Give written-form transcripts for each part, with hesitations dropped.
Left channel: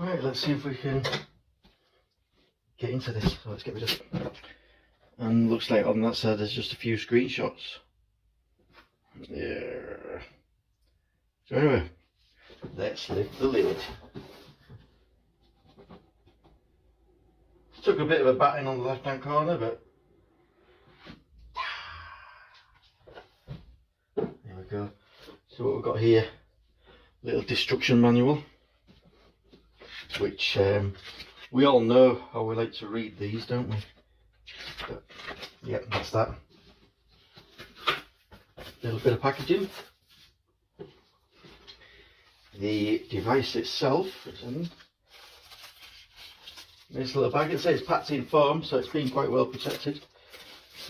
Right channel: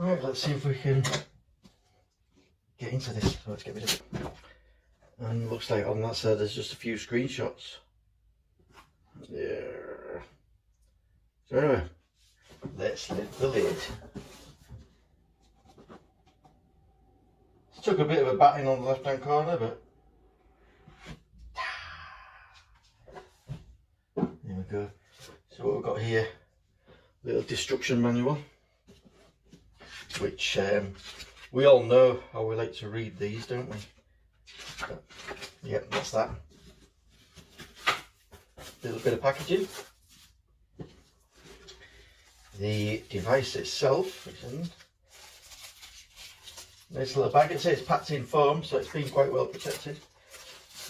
Right, let's see if we can get into this. So let's get rid of it. And looks like on that side there's just a few screenshots. Yeah. So anyway, let's lift the lid. Took a bit of a batting on the left hand corner, but there we go. So what we've got here, little destruction manual, which we all know how we like to read these, don't we? But, yep, that's that. Little bit of packaging. The device itself, nice little bag. It says it's packed in foam, so it's been quite well protected.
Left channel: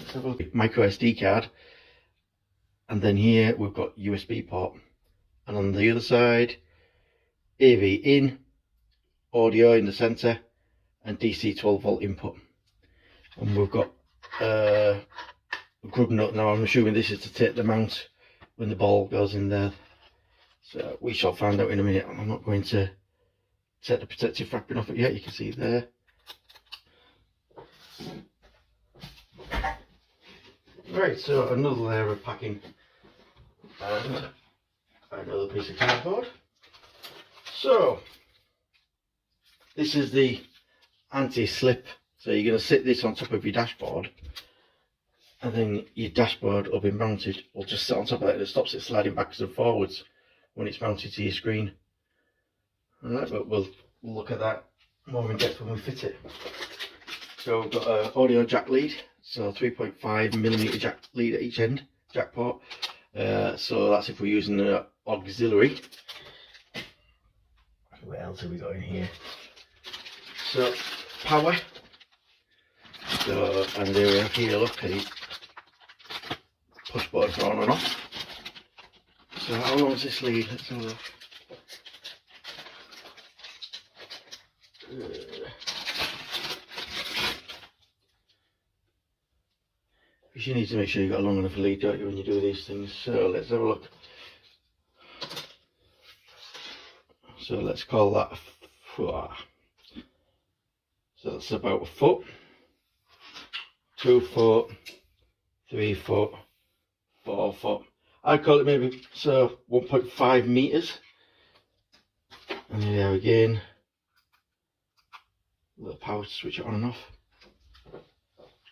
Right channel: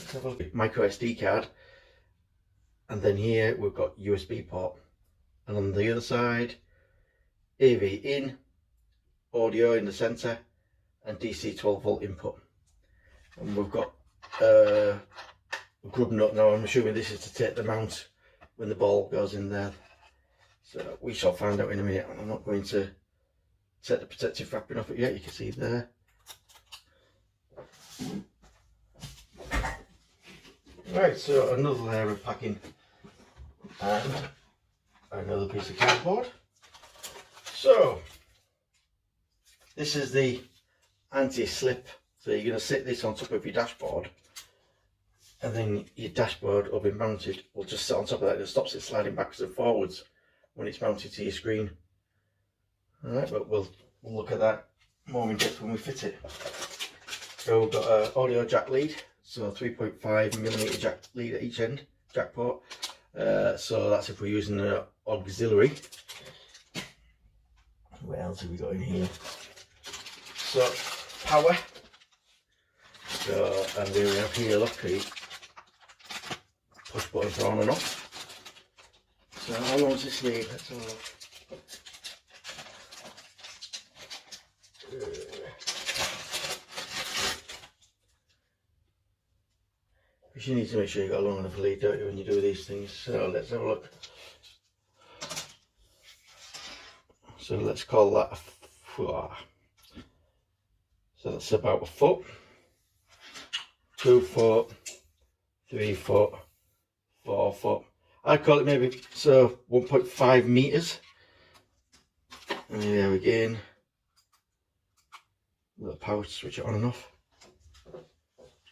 Let's have a look. Micro SD card. And then here we've got USB port. And on the other side, AV in, audio in the centre, and DC 12 volt input. And we've got a grub nut. Now I'm assuming this is to take the mount when the ball goes in there. So we shall find out in a minute. I'm not going to take the protective wrapping off it yet. You can see there. Right, so another layer of packing and another piece of cardboard. So this is the anti-slip. So you're going to sit this on top of your dashboard, and then your dashboard will be mounted, or just sit on top of that. It stops it sliding backwards and forwards when it's mounted to your screen. Alright, but we'll look at that more in depth when we fit it. So we've got an audio jack lead, so 3.5mm jack lead at each end, jack port. So that's if we're using an auxiliary. What else have we got in here? So power. So, and there we have here, look, a push button for on and off. So how long is this lead? Let's have a look. Because you need to make sure you've got a long enough lead, don't you, when you do these things. So let's have a look. So let's call that a foot. So that's about a foot, 2 foot, 3 foot, 4 foot. I'd call it maybe, so 1.5 meters. And there again, little power to switch it on and off.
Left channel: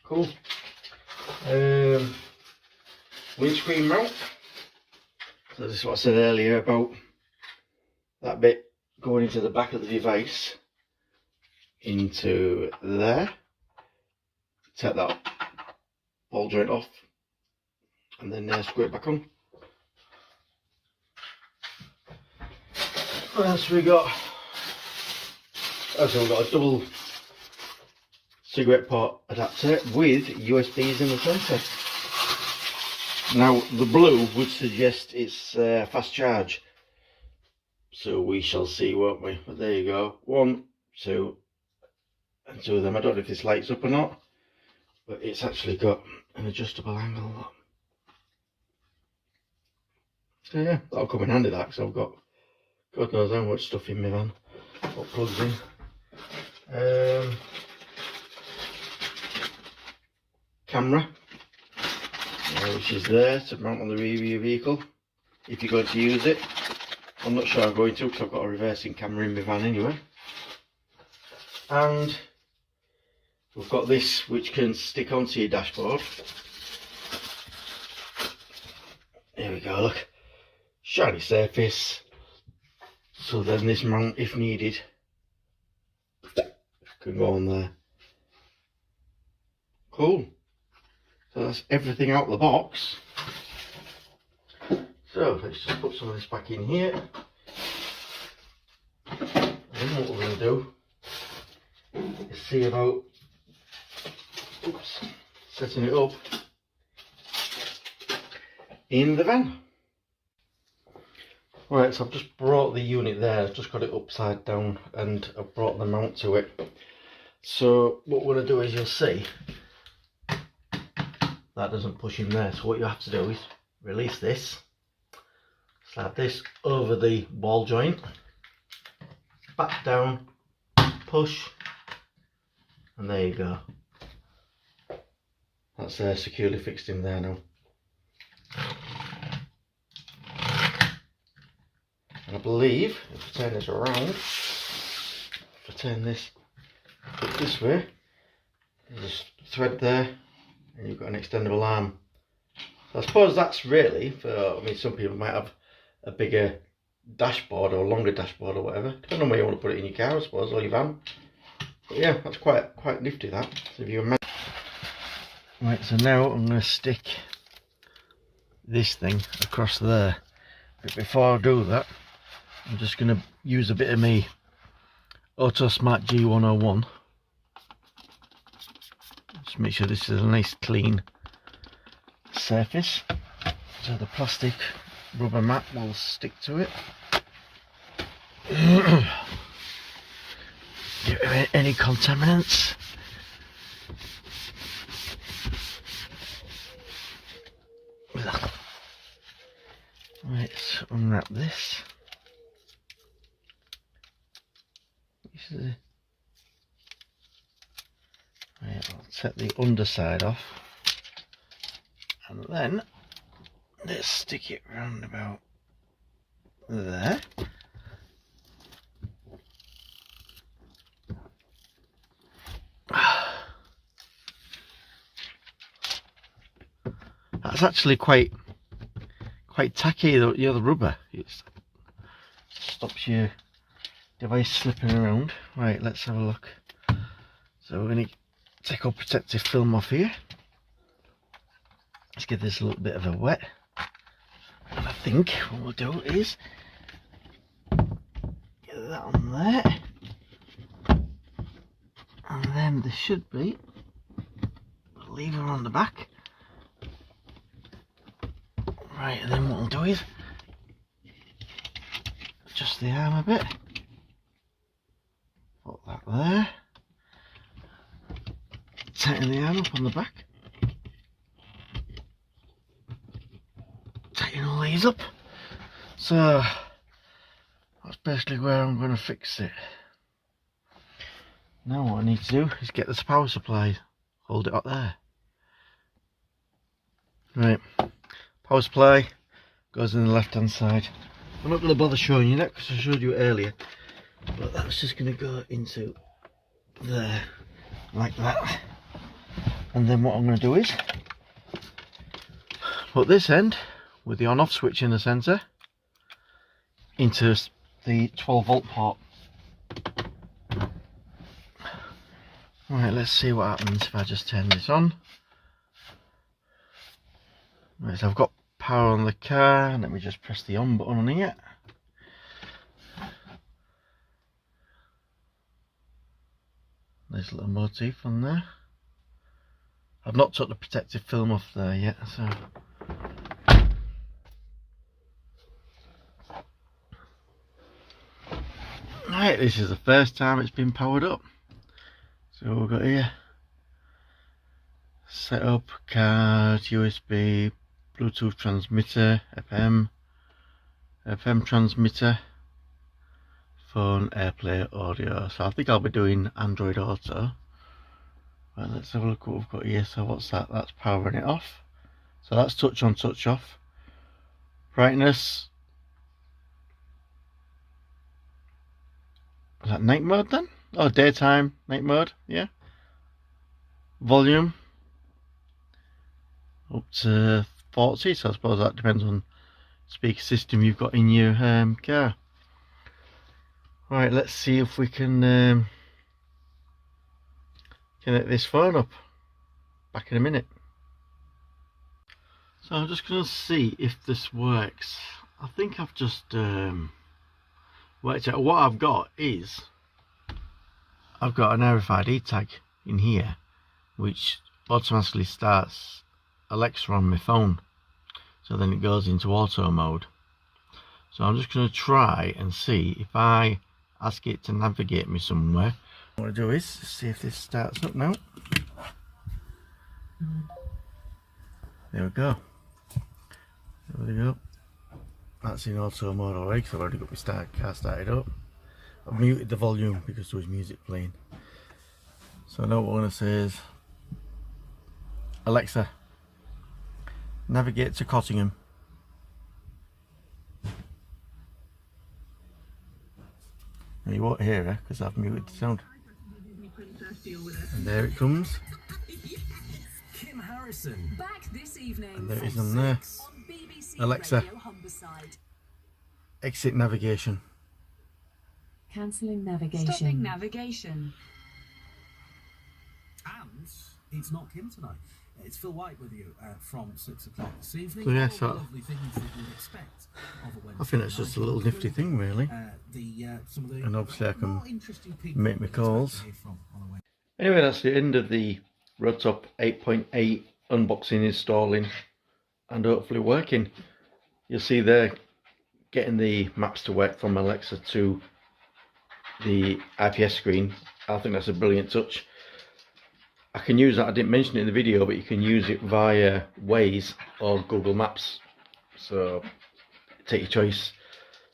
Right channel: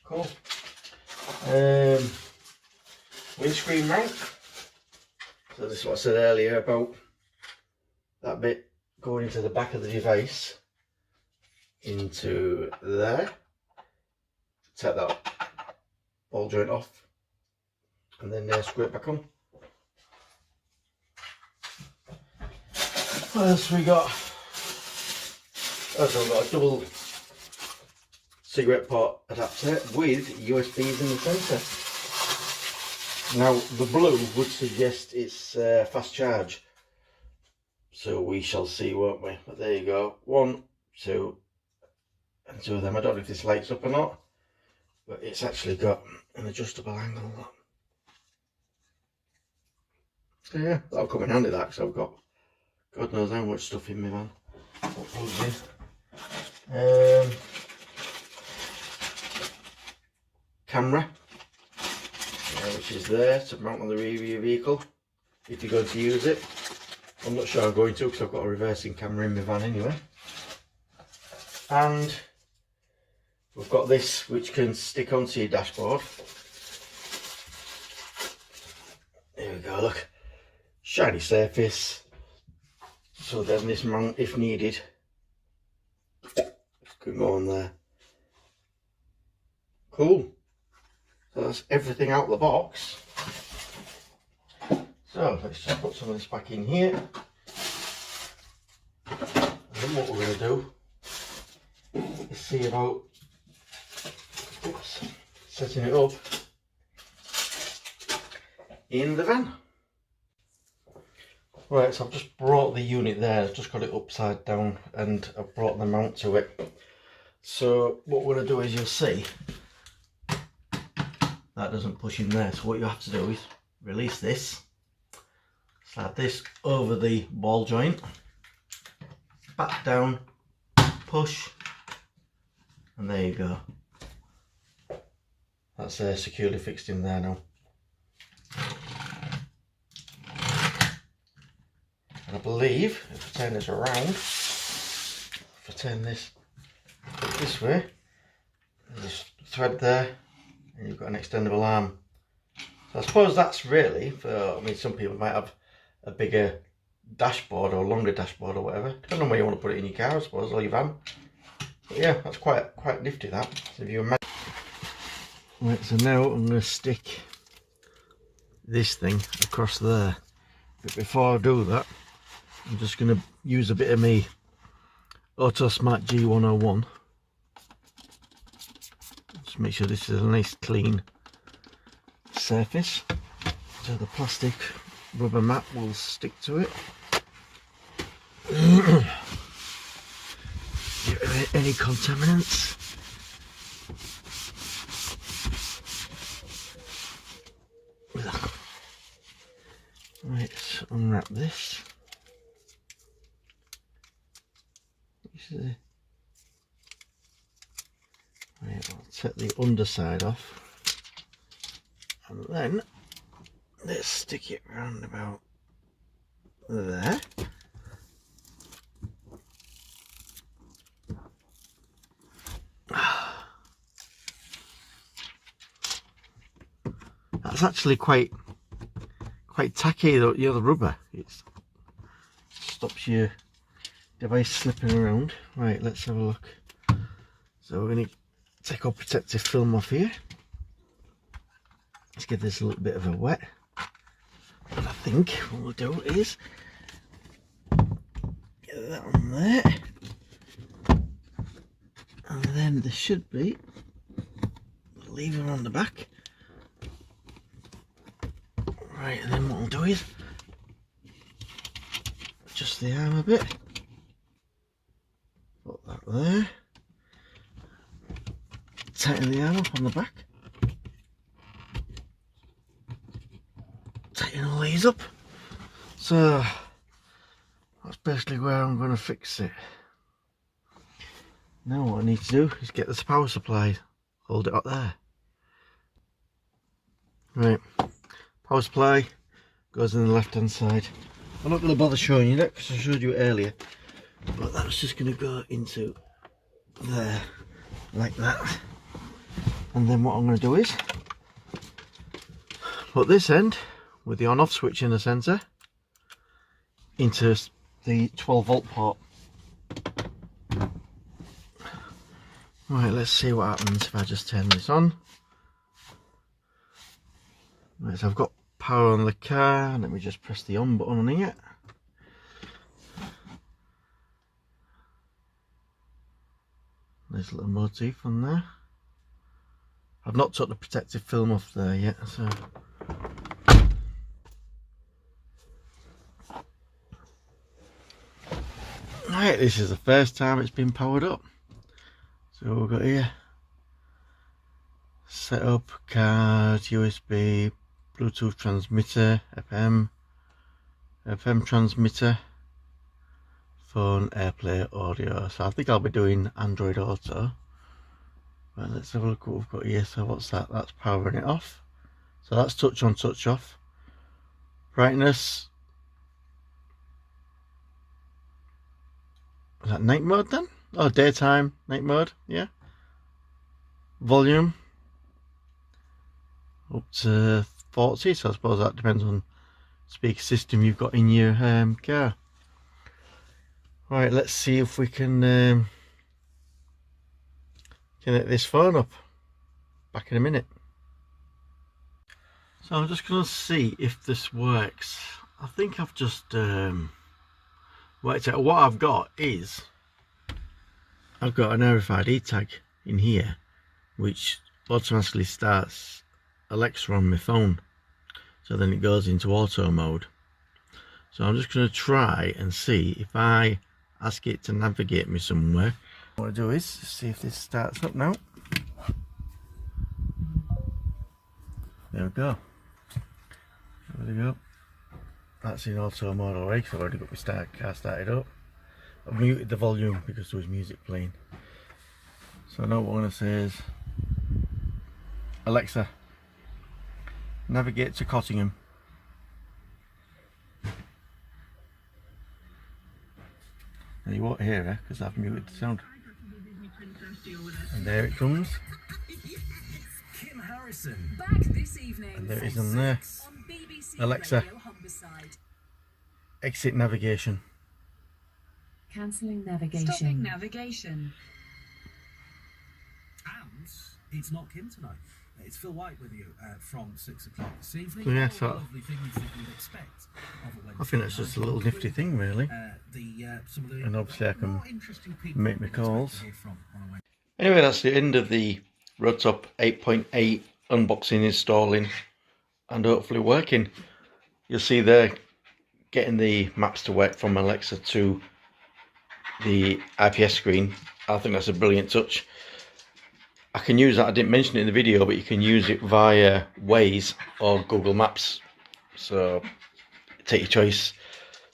Cool. Windscreen mount. So this is what I said earlier about that bit going into the back of the device, into there. Take that ball joint off, and then screw it back on. What else we got? Also, we've got a double cigarette port adapter with USBs in the centre. Now the blue would suggest it's fast charge, so we shall see, won't we? But there you go, 1, 2 and 2 of them. I don't know if this lights up or not, but it's actually got an adjustable angle. So yeah, that'll come in handy, that, because I've got God knows how much stuff in my van. What plugs in. Camera, which is there to mount on the rear of your vehicle if you're going to use it. I'm not sure I'm going to, because I've got a reversing camera in my van anyway. And we've got this which can stick onto your dashboard. There we go, look, shiny surface. So then this mount, if needed, can go on there. Cool. So that's everything out of the box. So let's just put some of this back in here. And then what we're going to do is see about setting it up in the van. Right, so I've just brought the unit there, I've just got it upside down and I've brought the mount to it. So what we're going to do is, you'll see that doesn't push in there, so what you have to do is release this, slide this over the ball joint, back down, push, and there you go. That's securely fixed in there now. And I believe if I turn this around, if I turn this way, there's a thread there, and you've got an extendable arm. So I suppose that's really for, I mean, some people might have a bigger dashboard or a longer dashboard or whatever, depending on where you want to put it in your car, I suppose, or your van. But yeah, that's quite nifty, that. So if you imagine. Right, so now I'm going to stick this thing across there. But before I do that, I'm just going to use a bit of my AutoSmart G101. Just make sure this is a nice clean surface, so the plastic rubber mat will stick to it. Get rid of any contaminants. Right, let's unwrap this. Right, I'll take the underside off, and then let's stick it round about there. That's actually quite tacky, the rubber. It stops your device slipping around. Right, let's have a look. So we're going to take our protective film off here. Let's give this a little bit of a wet. And I think what we'll do is get that on there. And then there should be a lever on the back. Right, and then what we'll do is adjust the arm a bit. Put that there. Tighten the arm up on the back. Tighten all these up. So that's basically where I'm going to fix it. Now what I need to do is get this power supply, hold it up there. Right, power supply goes in the left hand side. I'm not going to bother showing you that because I showed you it earlier, but that's just going to go into there like that. And then what I'm going to do is put this end with the on off switch in the centre into the 12 volt port. Right, let's see what happens if I just turn this on. Right, so I've got power on the car, and let me just press the on button on here. There's a little motif on there. I've not took the protective film off there yet, so right, this is the first time it's been powered up. So we've got here setup, card, USB, Bluetooth transmitter, FM transmitter, phone, AirPlay, audio. So I think I'll be doing Android Auto. Right, let's have a look what we've got here. So what's that? That's powering it off. So that's touch on, touch off. Brightness. Is that night mode then? Oh, daytime, night mode, yeah. Volume. Up to 40, so I suppose that depends on speaker system you've got in your car. Right, let's see if we can connect this phone up. Back in a minute. So I'm just going to see if this works. I think I've just worked out. What I've got is I've got an RFID tag in here which automatically starts Alexa on my phone, so then it goes into auto mode. So I'm just going to try and see if I ask it to navigate me somewhere. What I do is see if this starts up now. There we go. There we go. That's in auto mode already because I've already got my car started up. I've muted the volume because there was music playing. So now what I'm going to say is, Alexa, navigate to Cottingham. And you won't hear her because I've muted the sound. And there it comes. And there it is on there. Alexa, exit navigation. Cancelling navigation. Stopping navigation. And it's not Kim tonight. It's Phil White with you from 6 o'clock this evening. So yeah, so lovely things that you'd expect of a Wednesday I think that's just a little nifty thing, really. And obviously I can make my calls. Anyway, that's the end of the Roadtop 8.8 unboxing, installing, and hopefully working. You'll see there, getting the maps to work from Alexa to the IPS screen. I think that's a brilliant touch. I can use that, I didn't mention it in the video, but you can use it via Waze or Google Maps. So take your choice,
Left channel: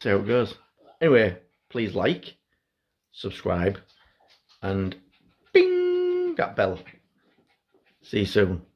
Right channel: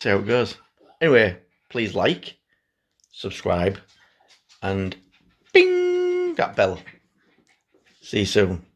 see how it goes. Anyway, please like, subscribe, and bing that bell. See you soon.